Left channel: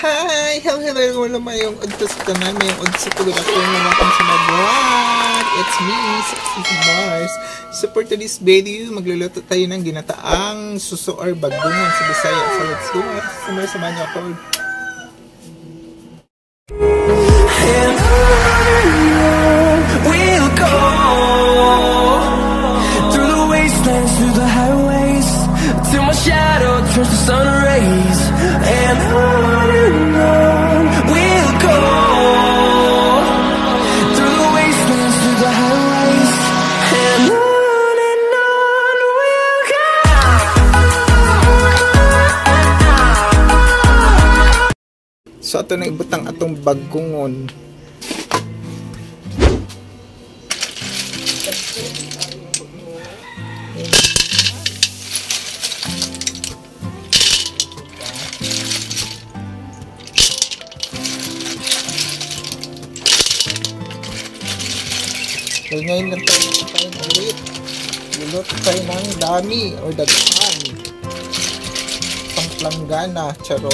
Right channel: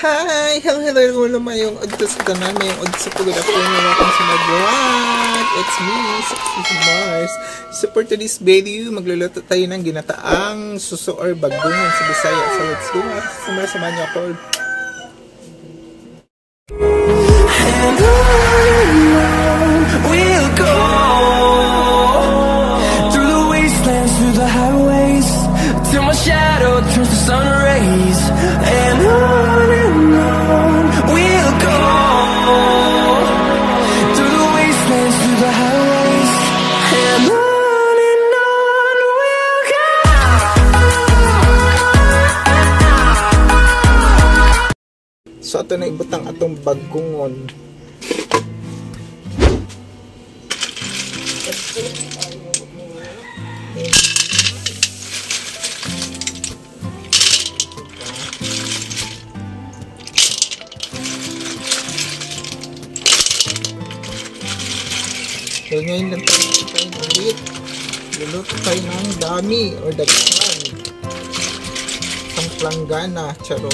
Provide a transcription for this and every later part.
Hi! Hello, mayong odtos ka na, mayong odtos ko good afternoon naman kung sa mag-vlog. It's me, Sexy Mars. So for today's video, magluluto tayo ng ginataang suso or bagungon sa Bisaya. So let's go. Samahan niyo ako. We'll go through the wastelands, through the highways, till my shadow turns to sun rays. And on we'll go through the wastelands, through the highways, and on we'll go. So ato na ibutang atong bagungon. So ngayon lang tayo ng ulit. Luluto tayo ng dami o dagdagan. Ang planggana, charot.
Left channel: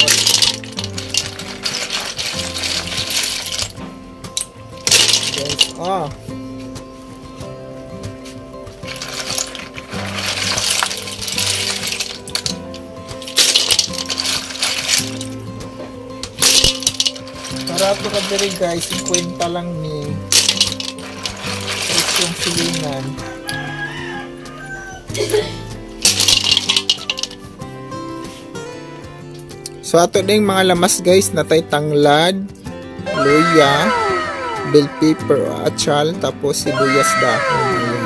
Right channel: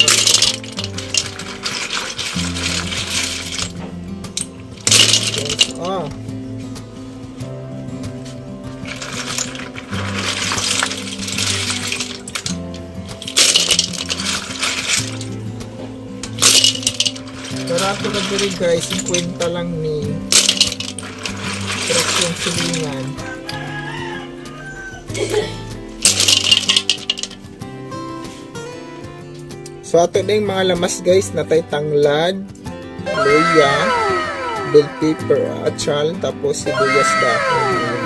Barato ka diri guys, 50 lang ni yung silingan. So ato na yung mga lamas guys, natay tanglad, luya, bell pepper, achal, tapos sibuyas dahon.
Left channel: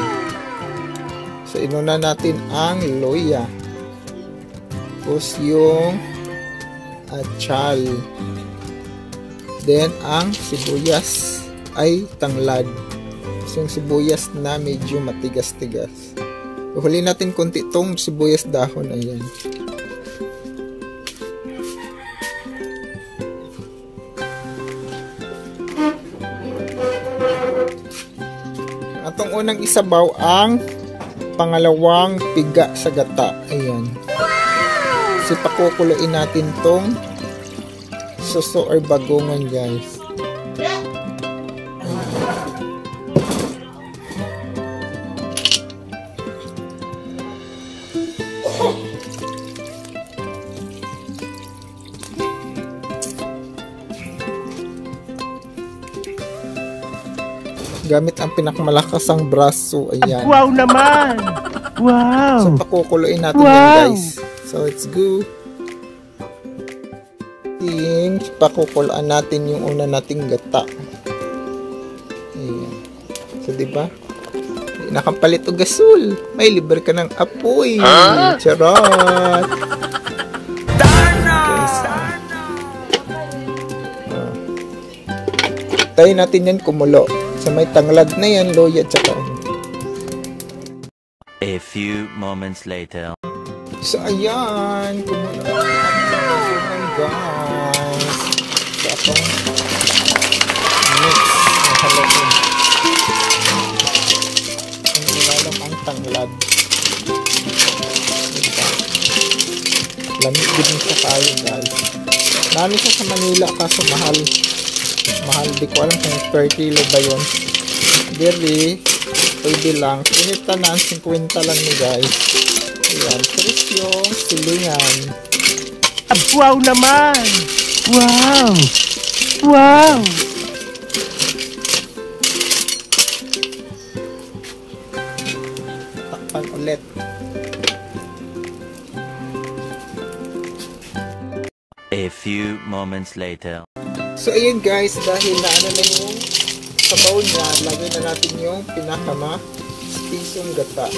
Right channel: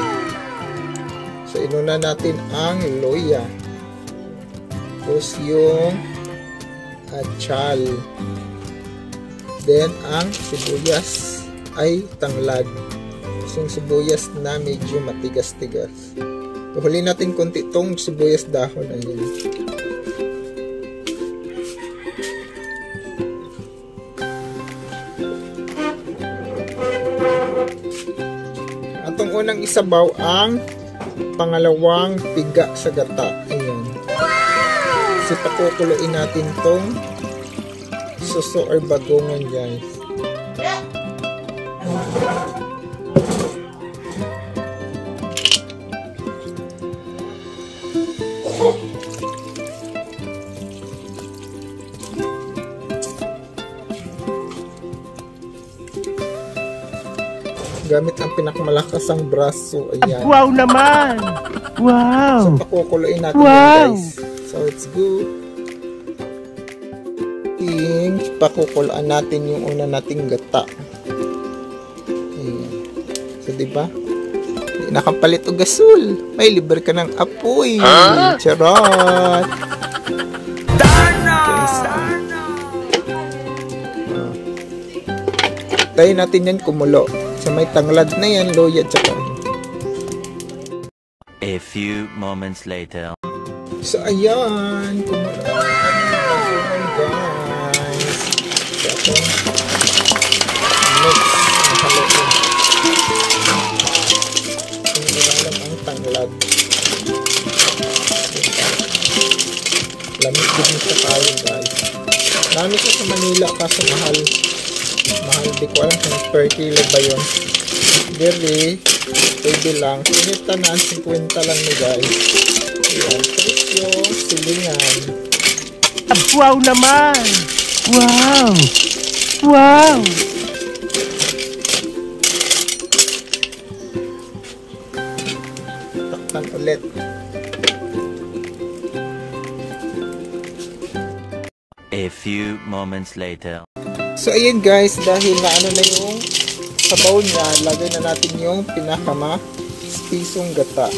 So inuna natin ang luya, tapos yung achal, then ang sibuyas ay tanglad. So, yung sibuyas na medyo matigas-tigas. Huli natin konti itong sibuyas dahon. Ayan. Atong unang isabaw ang pangalawang piga sa gata. Ayan. So, pakukuluin natin itong suso or bagungon guys. Gamit ang pinakamalakas ang braso. Ayan. Wow naman! Wow! So, pakukuluin natin guys. So, let's go. Pakukuluan natin yung una nating gata. Ayan. So, diba? Nakapalit o gasol. May libre ka ng apoy. Charot! Guys, tayo natin yan kumulo. Sa may tanglad na yan, loya, tsaka. A few moments later. So, ayan. Kumulo. Oh my gosh. So, mix. Ang ang tanglad. Lamig din sa tayo, guys. Marami siya sa Manila, kaso mahal. Di ko alam kung per kilo ba yun. Very pwede lang. Kahit naman 50 lang ni guys. Ayan, tapos yung silingan. Wow naman! Wow! Wow! Takpan ulit. A few moments later. So ayun guys, dahil na ano na yung sabaw niya, lagay na natin yung pinakama-spisong gata.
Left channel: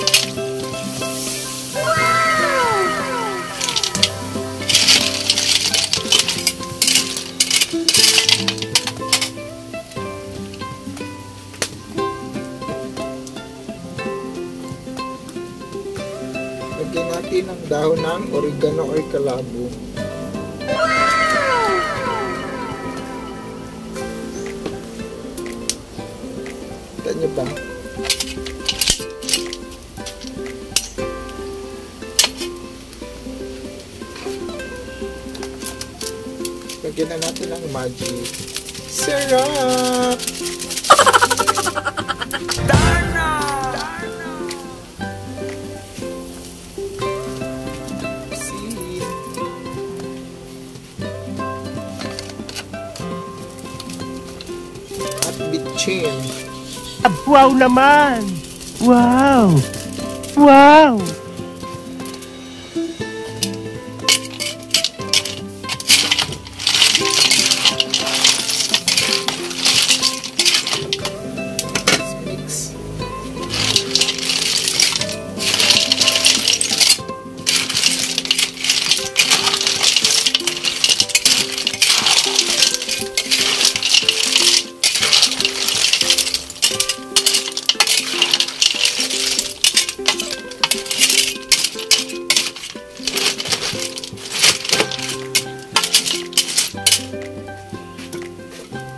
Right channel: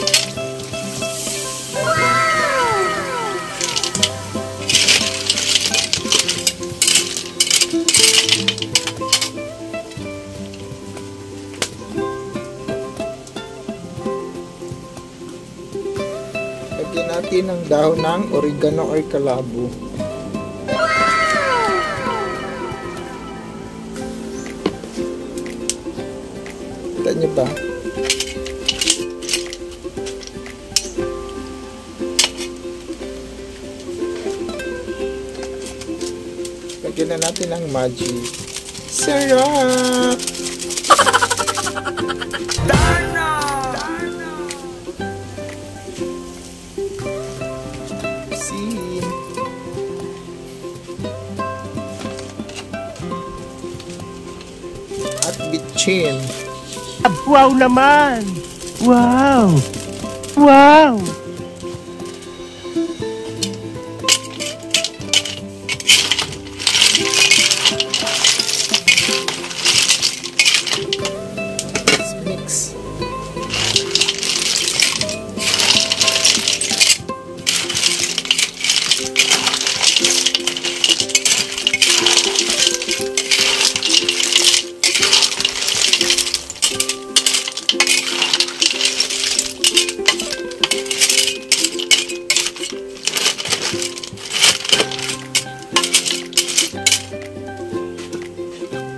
Lagyan natin ang dahon ng oregano or kalabo. Kita nyo ba? Lagyan na natin ang magic. Sarap! Sin. At bitchin. Wow naman! Wow! Wow! Let's mix.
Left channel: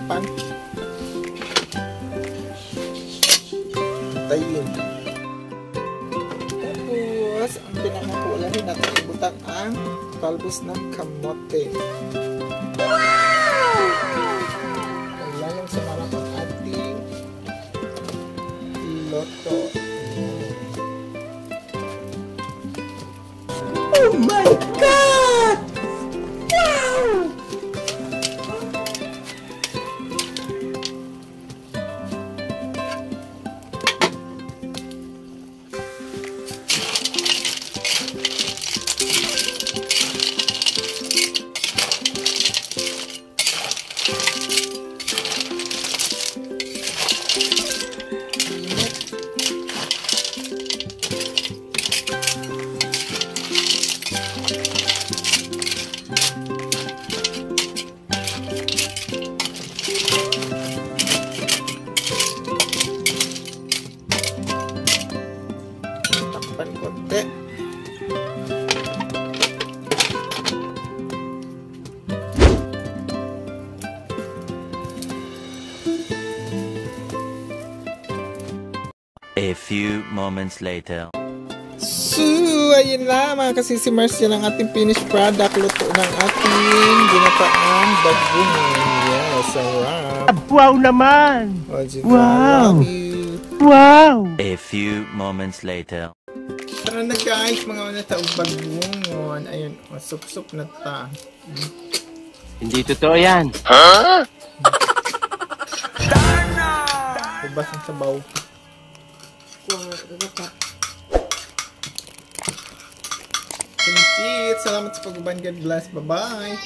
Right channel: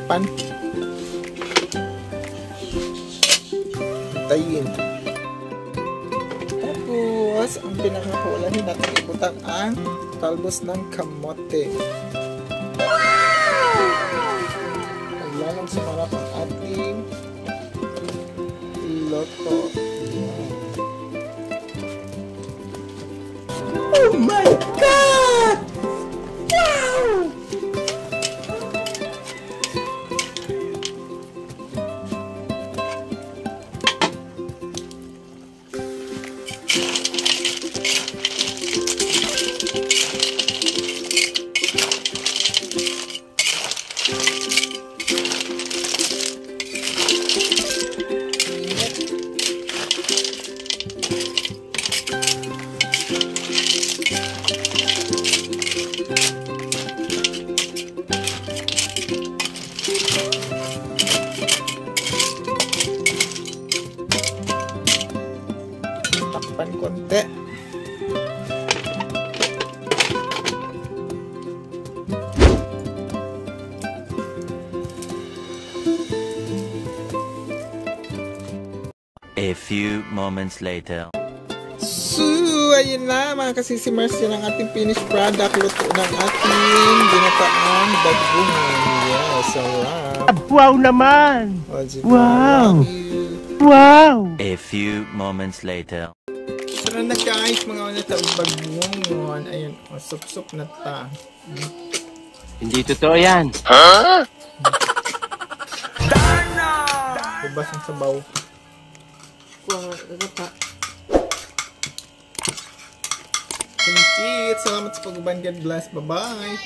Pan. Tayin. Tapos, ang pinakakulahin natin ibutan ang talbos ng kamote. Ang lalong sumarap ang ating loto. Oh my God! Wow! Takpan konti. A few moments later. So, ayun na mga kasisimers, yun ang ating finished product. Luto ng ating ginataang bagungon. Yes, sarap. Wow naman! O, diba? Wow! Yummy. Wow! A few moments later. Tara na guys, mga una taong bagungon. Ayun, o, sup-sup na ta. Hindi totoo yan. Ubas ang sabaw. Salamat sa pag-uban. God bless. Bye-bye.